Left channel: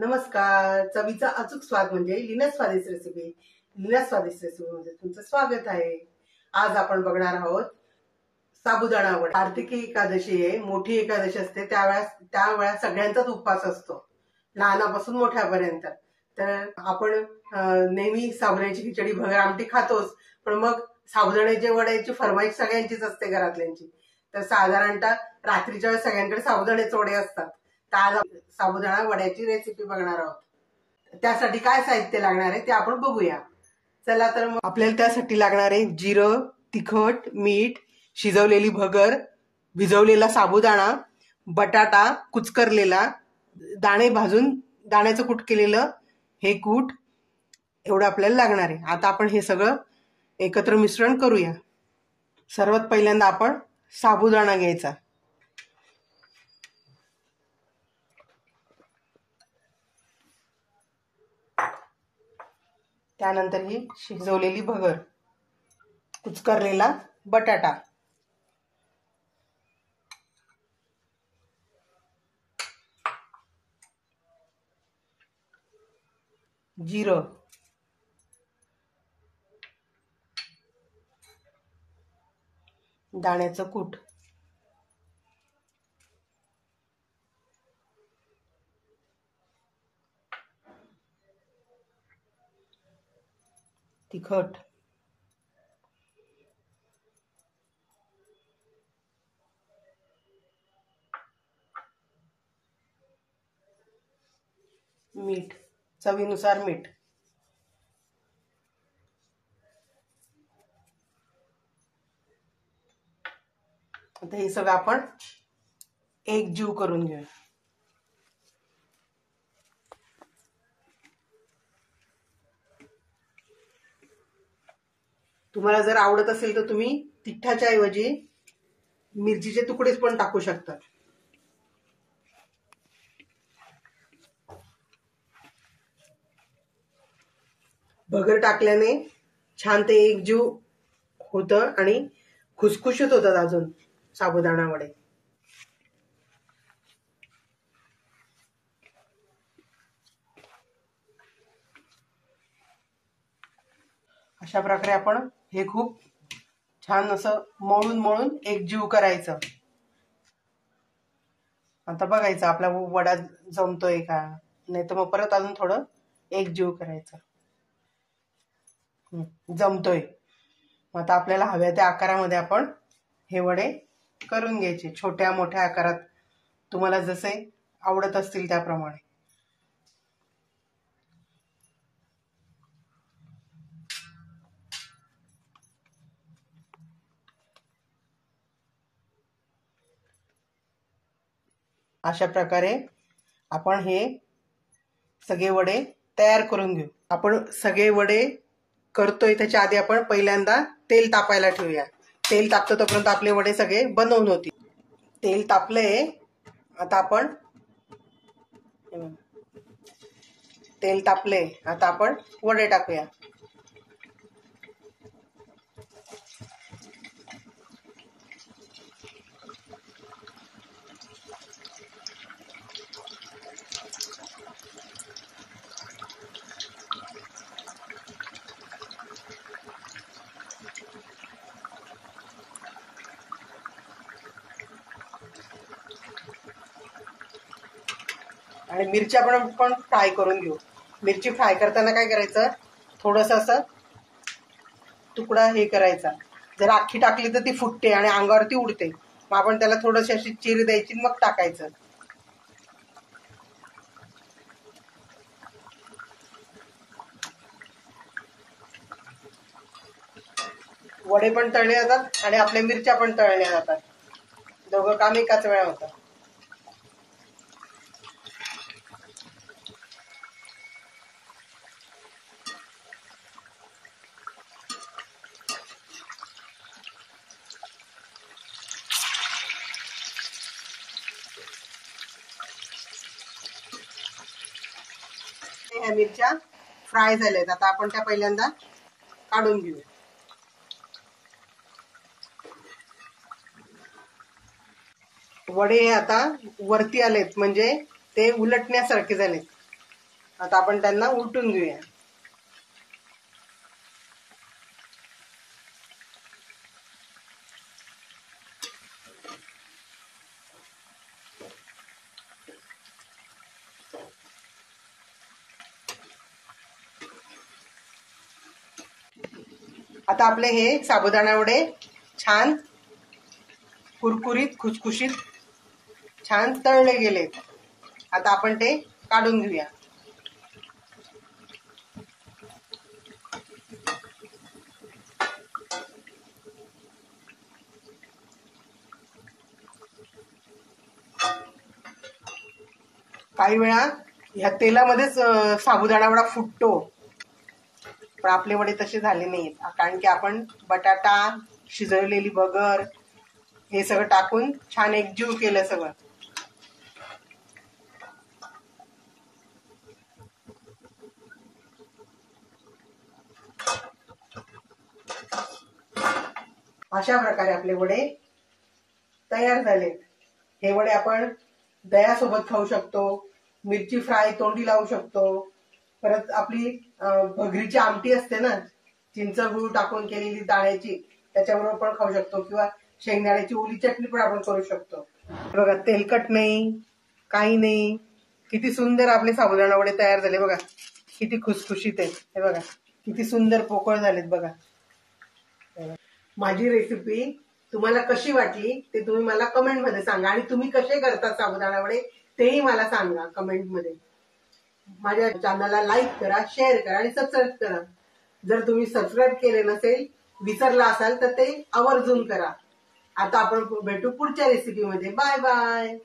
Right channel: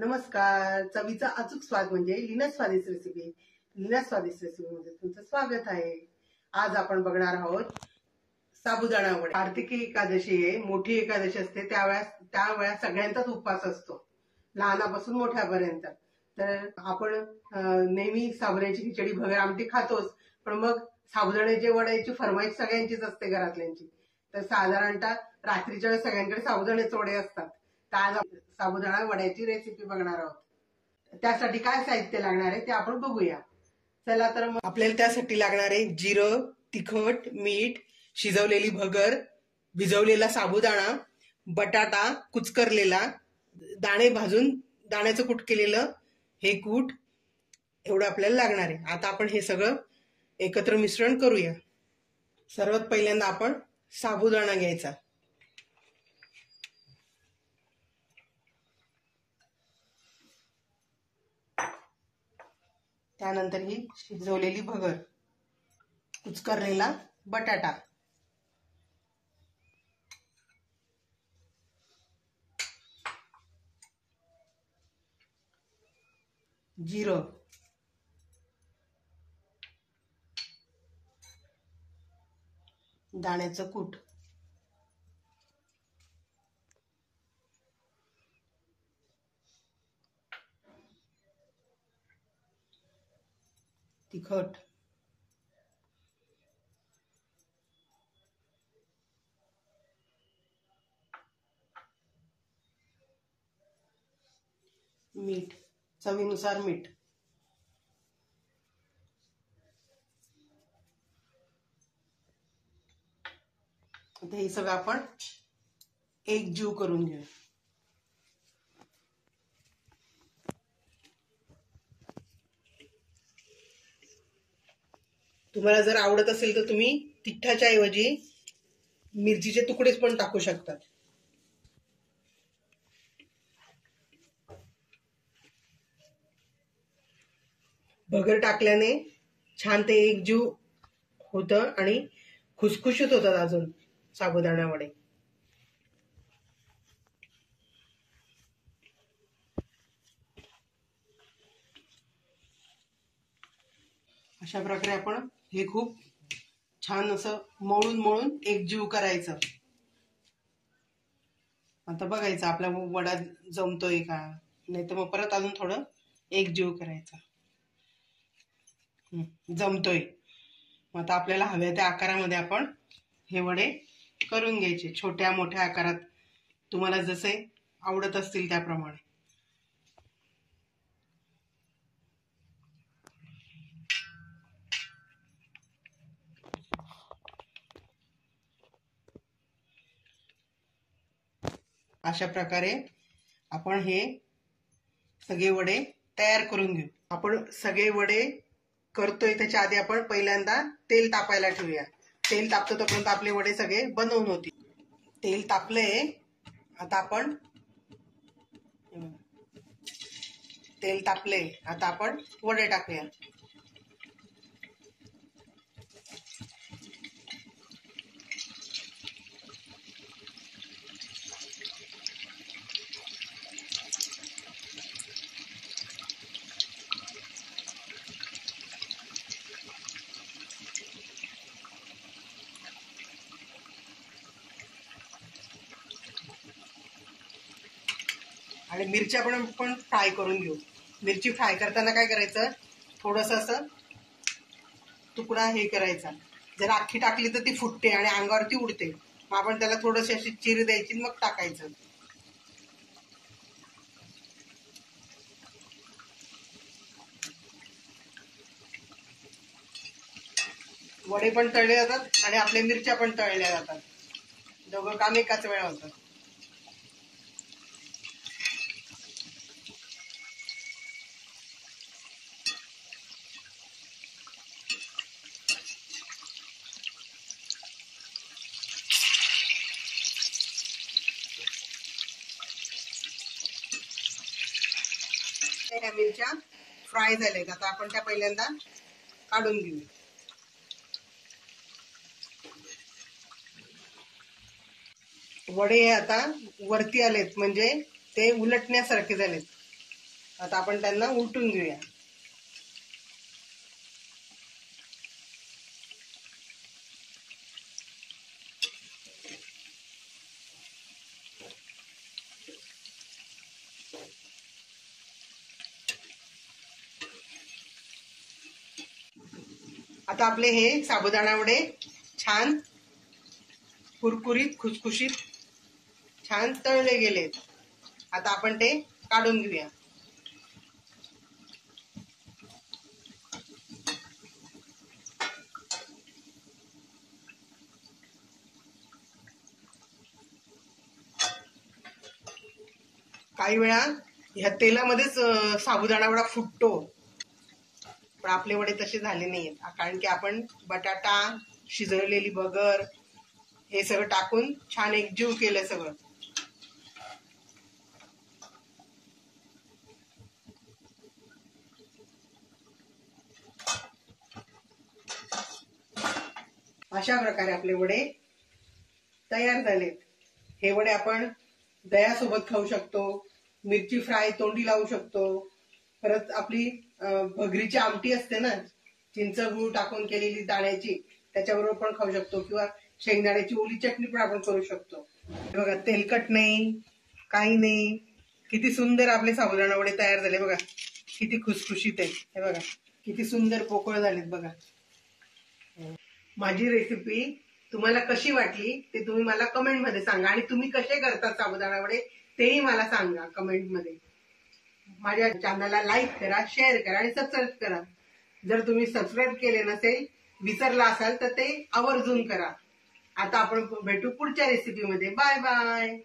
नमस्कार. चवीचा अचूक स्वाद म्हणजे लीना स्वादिष्ट रेसिपी. लीना स्वादिष्ट रेसिपीमध्ये तुमचं स्वागत आहे. आज आपण बघणार आहोत साबुदाणा वडा. कार्तिकी एकादशी आहे, मोठी एकादशी असते, त्यावेळेस सगळ्यांचाच उपवास असतो, लहानापासून मोठ्यापर्यंत. तर आपण नेहमी साबुदाण्याची खिचडी, भगर आमटी खातोच, पण मग साबुदाण्याच्या वड्याची फरमाईश सगळ्यांचीच असते घरातल्यांची. तर साधारणतः रात्रीच्या वेळेस सगळ्यांकडे साबुदाण्याचे वडे असतात. तर आज साबुदाणा वड्याची रेसिपी बघणार आहोत. त्यासाठी काय साहित्य लागणार आहे ते आपण बघूया. चला तर मग आपल्याला त्यासाठी लागणार आहे जिरं, तिखट, मीठ, शिजवलेली भगर, भिजवलेला साबुदाणा, बटाटा कुचकरलेला, दाणे भाजून दाण्याचं कूट केलेलं हे कूट, एवढं आपल्याला लागणार आहे. आता आपण हे सगळं एकत्र मिश्रण करूया. सर्वात पहिल्यांदा आपण साबुदाणा घ्यायचा. त्यानंतर ही शिजवलेली भगर, कुचकरलेला बटाटा, जिरं, दाण्याचं कूट, तिखट, मीठ, चवीनुसार मीठ. आता हे सगळं आपण एकजीव करून घेऊ. तुम्हाला जर आवडत असेल तर तुम्ही तिखटाच्या ऐवजी मिरचीचे तुकडेच पण टाकू शकतात. भगर टाकल्याने छान ते एकजीव होतं आणि खुसखुशीत होतात अजून साबुदाणा वडे. अशा प्रकारे आपण हे खूप छान असं मळून मळून एकजीव करायचं. आता बघायचं आपला वडा जमतोय का, नाही तर मग परत अजून थोडं एकजीव करायचं. जमतोय. आता आपल्याला हव्या त्या आकारामध्ये आपण हे वडे करून घ्यायचे, छोट्या मोठ्या आकारात तुम्हाला जसे आवडत असतील त्याप्रमाणे. अशा प्रकारे आपण हे सगळे वडे तयार करून घेऊ. आपण सगळे वडे करतोय त्याच्या आधी आपण पहिल्यांदा तेल तापायला ठेवूया. तेल तापतं तोपर्यंत आपले वडे सगळे बनवून होतील. तेल तापलंय. आता आपण तेल तापले, आता आपण वडे टाकूया. आणि मिरच्या पण फ्राय करून घेऊ. मिरची फ्राय करताना काय करायचं, थोडंसं असं तुकडा हे करायचा. जर अख्खी टाकली तर ती फुटते आणि अंगावरती उडते. मग आपण त्याला थोडीशी अशी चिर द्यायची, मग टाकायचं. वडे पण तळले जातात आणि आपल्या मिरच्या पण तळल्या जातात. दोघं काम एकाच वेळा होतं. ह्या मिरच्या फ्राय झाल्यात. आता आपण त्या पहिल्यांदा काढून घेऊया. वडे आता वरती आलेत, म्हणजे ते उलटण्यासारखे झालेत. आता आपण त्यांना उलटून घेऊया. आता आपले हे साबुदाणा वडे छान कुरकुरीत खुसखुशीत छान तळले गेलेत. आता आपण ते काढून घेऊया. काही वेळा ह्या तेलामध्येच साबुदाणा वडा फुटतो, पण आपले वडे तसे झाले नाहीत, कारण की आपण बटाटा, शिजवलेली भगर हे सगळं टाकून छान एकजीव केलं सगळं. अशा प्रकारे आपले वडे तयार झालेत. हे वडे आपण दह्यासोबत खाऊ शकतो, मिरची फ्राय तोंडी लावू शकतो, परत आपली भगरीची आमटी असते ना, चिंच गुळ टाकून केलेली दाण्याची, त्याच्याबरोबर पण खाऊ शकतो, किंवा शेंगदाण्याची ओली चटणी पण आपण करू शकतो. बघा, तेलकट नाही, काही नाही, किती सुंदर आपले साबुदाणा वडे तयार झाले बघा. किती खुसखुशीत आहेत, हे बघा किती सुंदर पोकळ झालेत बघा. माझी रेसिपी तुम्हाला कशी वाटली ते तुम्ही मला कमेंट मध्ये सांगा, आणि तुम्ही कसे करता साबुदाणा वडे तेही मला सांगा कमेंट मध्ये. माझ्या चॅनलला लाईक करा, शेअर करा आणि सबस्क्राईब करा. जर तुम्ही सबस्क्राईब केले नसेल, विसरला असाल तर ते आवर्जून करा. आता आपण भेटू पुढच्या रेसिपीमध्ये. Bye bye.